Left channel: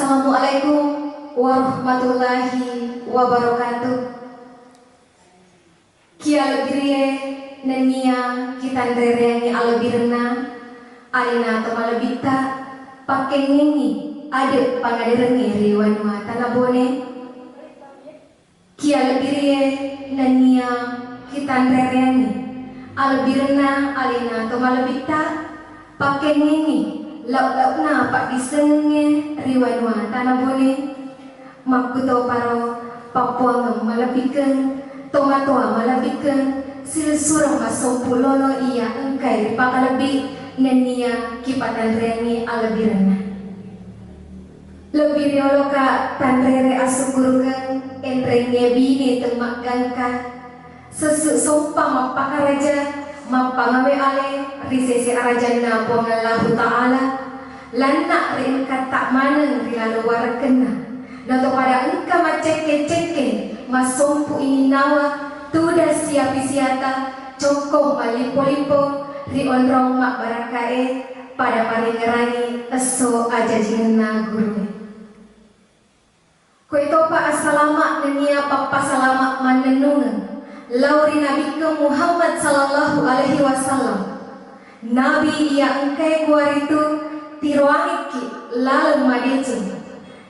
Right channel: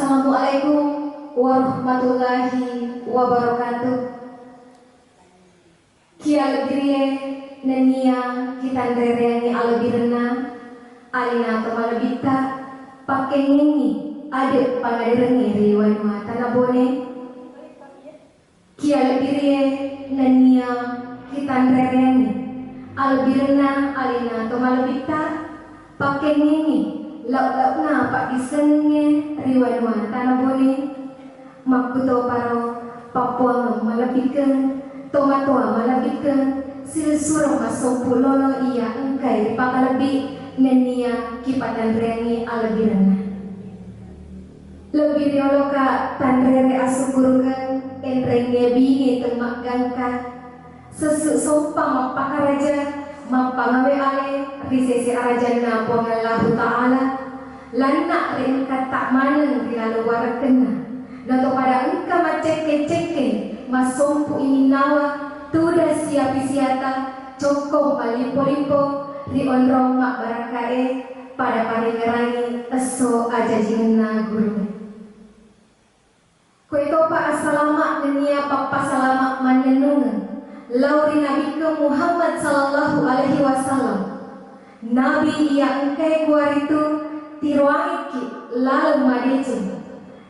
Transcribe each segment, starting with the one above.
Assalamualaikum warahmatullahi wabarakatuh. Kia lebire nenia kita nderengi alebirna alina tomalebita pakai nini ada pangaderengi riwanwa tanabone. Kia lebire nenia kita nderengi alebirna alina tomalebita pakai nini lauk-laukna pak disenge riwanwa tanabone. Makuto paro Papua malabikeun tomatoa malabikeun silsurang masompu lolo iya engkai pakalebi nenia kipatan rengi alebirna lebih riolo ka tanrere asukurukeun enrenge bini temak gangka sesu sompang mapakaraja mapangawe ale risese arajana pongallahu ta'ala lanna ringkat tak maneng rilalu warakena nato pada engka maceke-ceke masompu ini nawa tuda siapi siata cokong malipo-lipo ri onrong mak barakae pada paringerangi eso aja jinna guru kue topa asalamak nenia papa salamak manenungan lauri nabi ke Muhammad sallallahu alaihi wasallam nabi ia engkai kuaritu tiroangiki lalu madeceng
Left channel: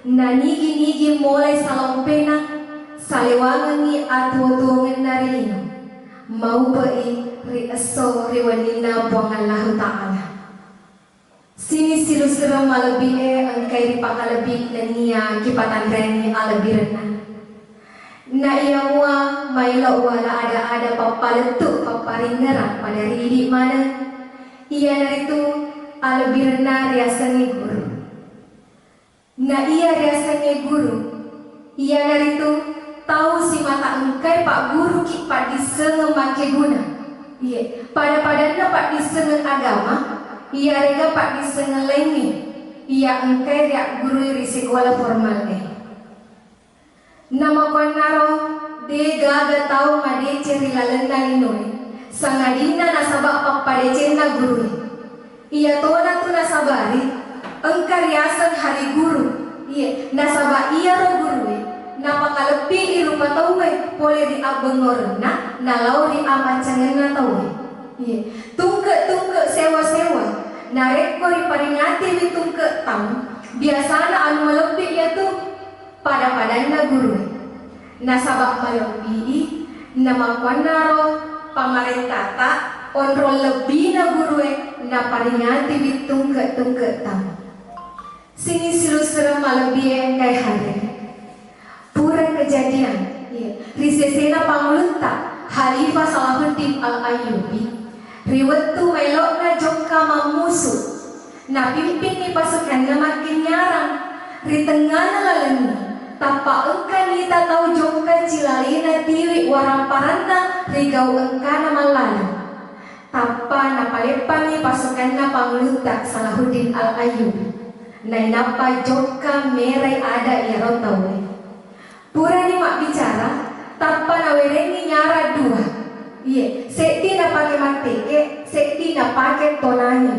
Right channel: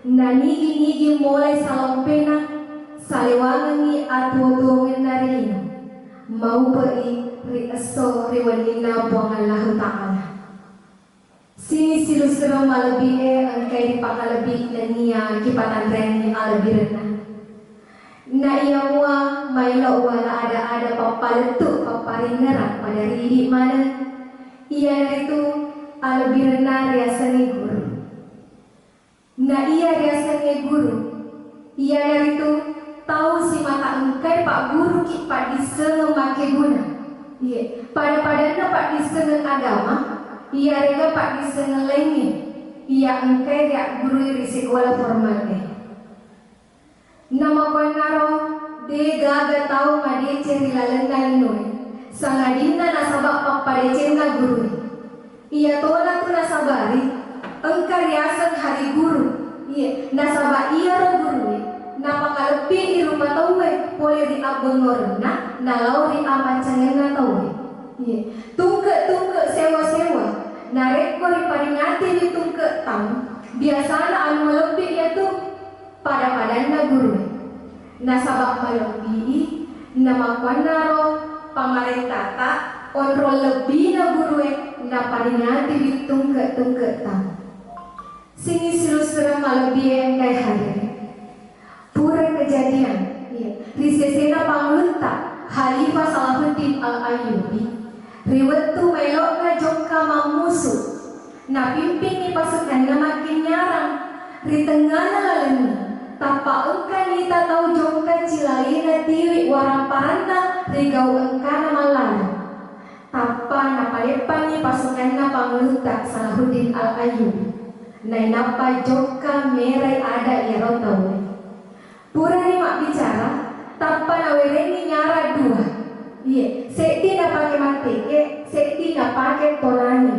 na nigi mulai salam pena salewangi atu-atuangan narino mau pai ri eso riwanina buang Allah Ta'ala sini silu serem malebie engkai dipakalebi nania kipatan reni alebirna na iya mua maila wala ada papaletuk paparingeran pada ridi mana iya naritu alebirna riasani guru. Na iya rasanya guru, iya dari itu tahu si mata engkai pak guru ki pak disengeng make guna, iya pada-padanya pak disengeng agama, iya rega pak disengeng lengi, iya engkai ria guru iri sekolah formalnya. Nama konaro de gaga tahu ngade ceri lalenda inoi, sangadina nasabak pak pada cerna guru, iya toda tu nasabari. Engkar riasan hari guru, iya nasaba iya ro guru, napa kalepi iruma tawe, boleh di abengorna, nalau di amacangan tawe, iya tungke sewa, nareko di paringati di tungke tamu, biasana anu lebih ya tuh pada-padanya guru, nasaba malebi, nama kwanaro pamarentata, onrol lebih na guru, na paringati di tungke tamu. Sini silu serem malebie kai hadir pura kejadian iya risesena pangulunta Khalifah Salahuddin Al-Ayyubi riwetu melokna jongka mamusu na pimpin ni pasukanna makin nyarang ri tengana laleni tapa engka nita tau jongka cilalina tiwi waramparanda ri gau engka na malala tapa na palepan ni pasukanna pangulunta Salahuddin Al-Ayyubi nai napa joka merai ada iro tawe pura ni mak bicara tanpa nawerengi nyara dua iya sekti na pake mateke sekti na pake tonani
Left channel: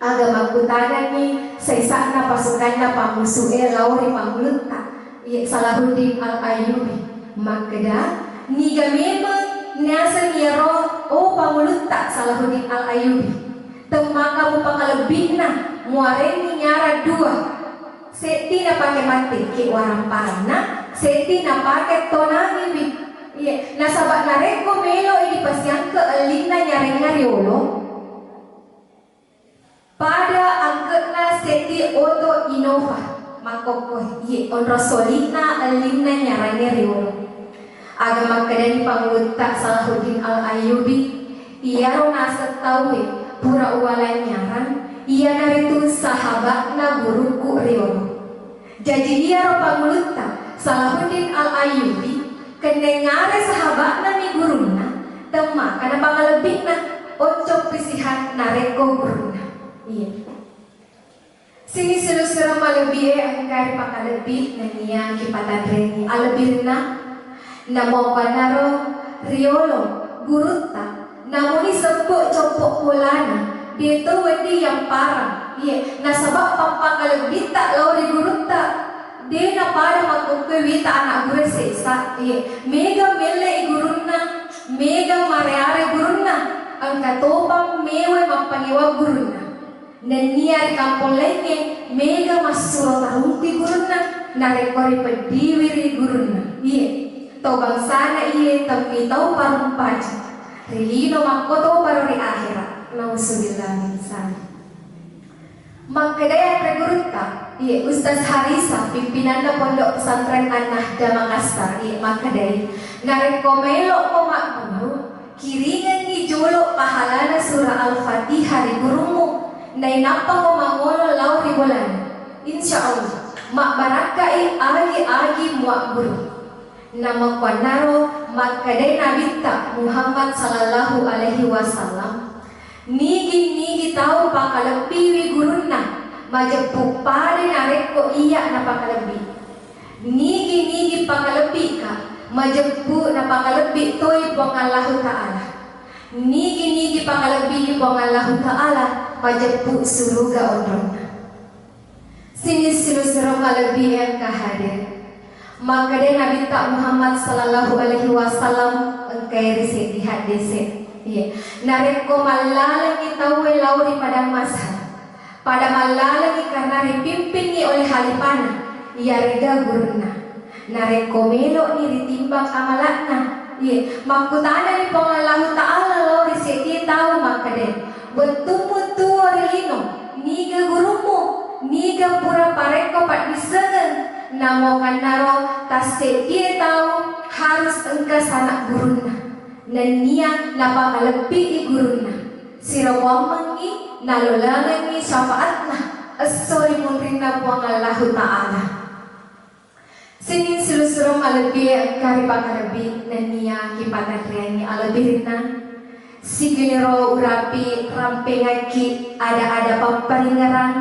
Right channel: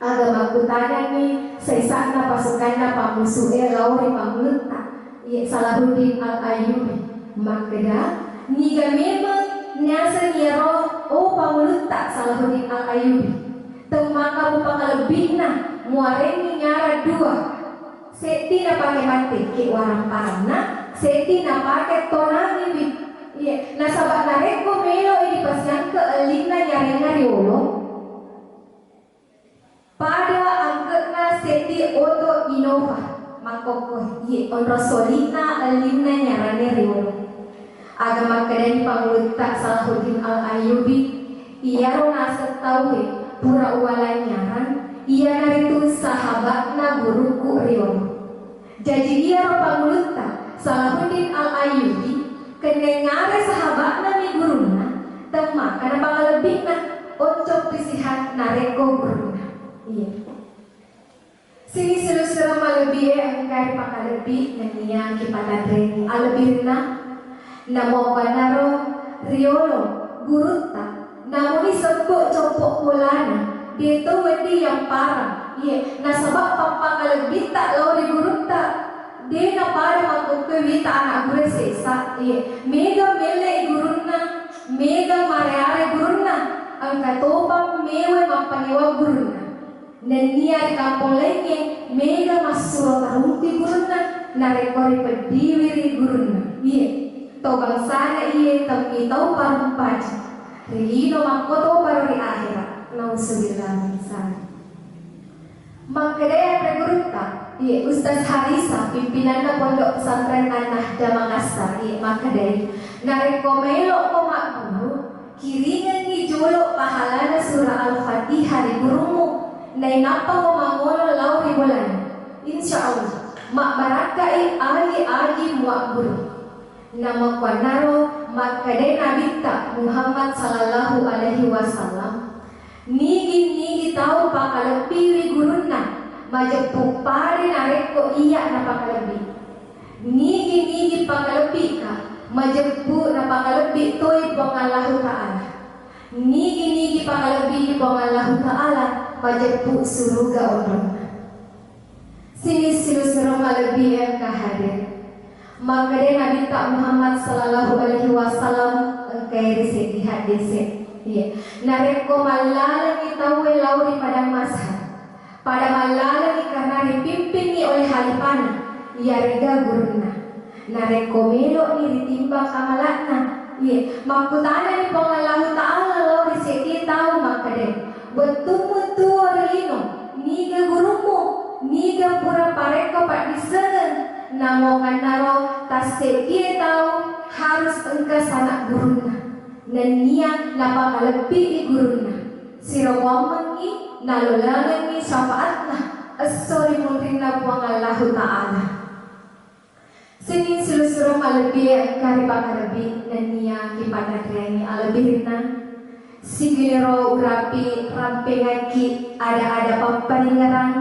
agama kutana ni sesakna pasukan na pamusuhe lauri pamulunta iya Salahuddin Al-Ayyubi makeda niga memang nyasa nyero o pamulunta Salahuddin Al-Ayyubi temaka mu pakalebihna muareni nyara dua seti na pake mati ki warang parana seti na pake tonangi bi iya nasabak nareko melo ini pasiang ke elina nyareng ngariolo pada angketna seti oto inova makoko iya onro solina elina nyareng ngariolo agama kedani pangulunta Salahuddin Al-Ayyubi iya rona setawi pura uwalan nyaran ia naritu sahabatna guruku Riono. Jadi ia ropa mulunta Salahuddin Al-Ayyubi kendengare sahabatna mi guruna tema karena pangalebihna oncok pisihan nareko guruna. Iya. Sini seru-seru malebih angkari pakalebih nania kipatan reni alebirna namo panaro Riolo gurunta namuni sepuk copok mulana dia tu wedi yang parah Iya, nasabak pampangalebi tak lauri gurunta. Dena pada makuke wita anak gure sesa. Iya, mega mele gurunna, mega mareare gurunna. Angka topang mewe mapangewa gurunna. Nenia di kampung lenge mega masuro tarunti gurunna. Narekori pediwiri gurunna. Iya, tau bangsana iya tapi tau parung paja. Relino makoto baru di akhirat. Nauzubillah min dzalik. Makadaya pregurutta, iya Ustaz Harisa pimpinan Pondok Pesantren An-Nahda Makassar, iya makadaya. Narekomelo komak guru, kiringan ni jolo pahalana surah Al-Fatihah di gurumu. Nai napa komangolo lau ribulan. Insyaallah, mak barakai agi muak guru. Nama kwanaro makadaya Nabita Muhammad sallallahu alaihi wasallam. Nigi tahu pakalebi gurunna majepuk pade nareko iya na pakalebi. Nigi pakalebi ka majepuk na pakalebi toy pong Allah Ta'ala. Nigi pakalebi pong Allah Ta'ala majepuk suruga ondrona. Sini silu-silu kalebi yang kahadir. Maka dia Nabi tak Muhammad sallallahu alaihi wasallam engkai riset di hadis. Iya, nareko malalangi tawe lauri pada masa. Pada malalangi karena dipimpin oleh halipana. Ia rega guruna. Nareko melo ni ditimbang amalatna. Iya, makutana ni pengalahu ta'ala lauri seti tahu maka deh. Bertumut tuwa relino. Niga gurumu, niga pura pareko pat disengen. Namo kanaro tas seti tahu harus engka sanak guruna. Nania napakalebi guruna. Sirawamangi nalolangangi syafaatna. Assori munrina buang Allah Ta'ala. Sini silu-silu malebi kari pakalebi nania kipatakriani alebirina. Sigilero urapi rampengaki ada pamparingaran.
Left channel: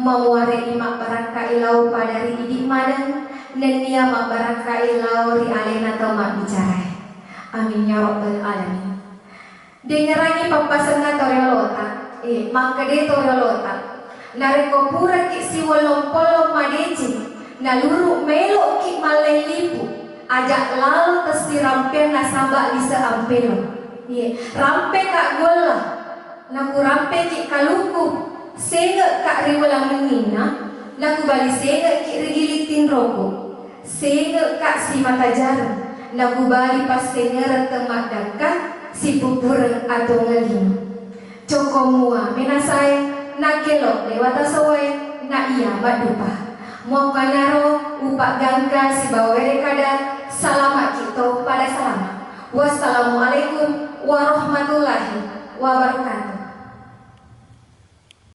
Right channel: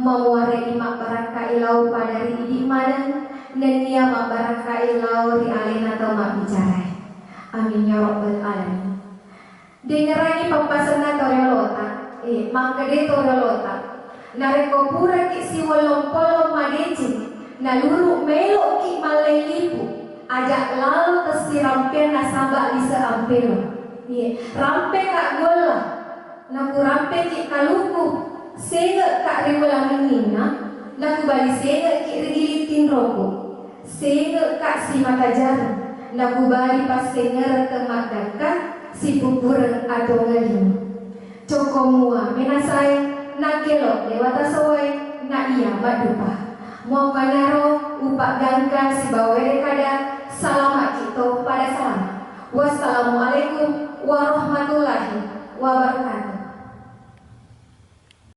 Memuare imak barangka ilau pada ri idik madang. Nania mak barangka ilau ri alena tau mak bicara. Amin ya rabbal alamin. Dengerangi pampasan toriolota, mangkade toriolota. Nareko pura ki siwolompolo madeci, naluru melo ki malelipu. Ajak lalu tesi rampen nasamba lisa ampelo. Rampe kak gola, naku rampe ki kaluku. Sega kak riwalang menina, naku bali sega ki rigilitin roko. Sega kak si mata jarum. Nagubali pas kenyeret temak dangka si pupureng atau ngelima. Coko mua menasai nakelo lewata sawai na iya badupa. Mau kanaro upak gangka si bawere kada salamat kita pada salamat. Wassalamualaikum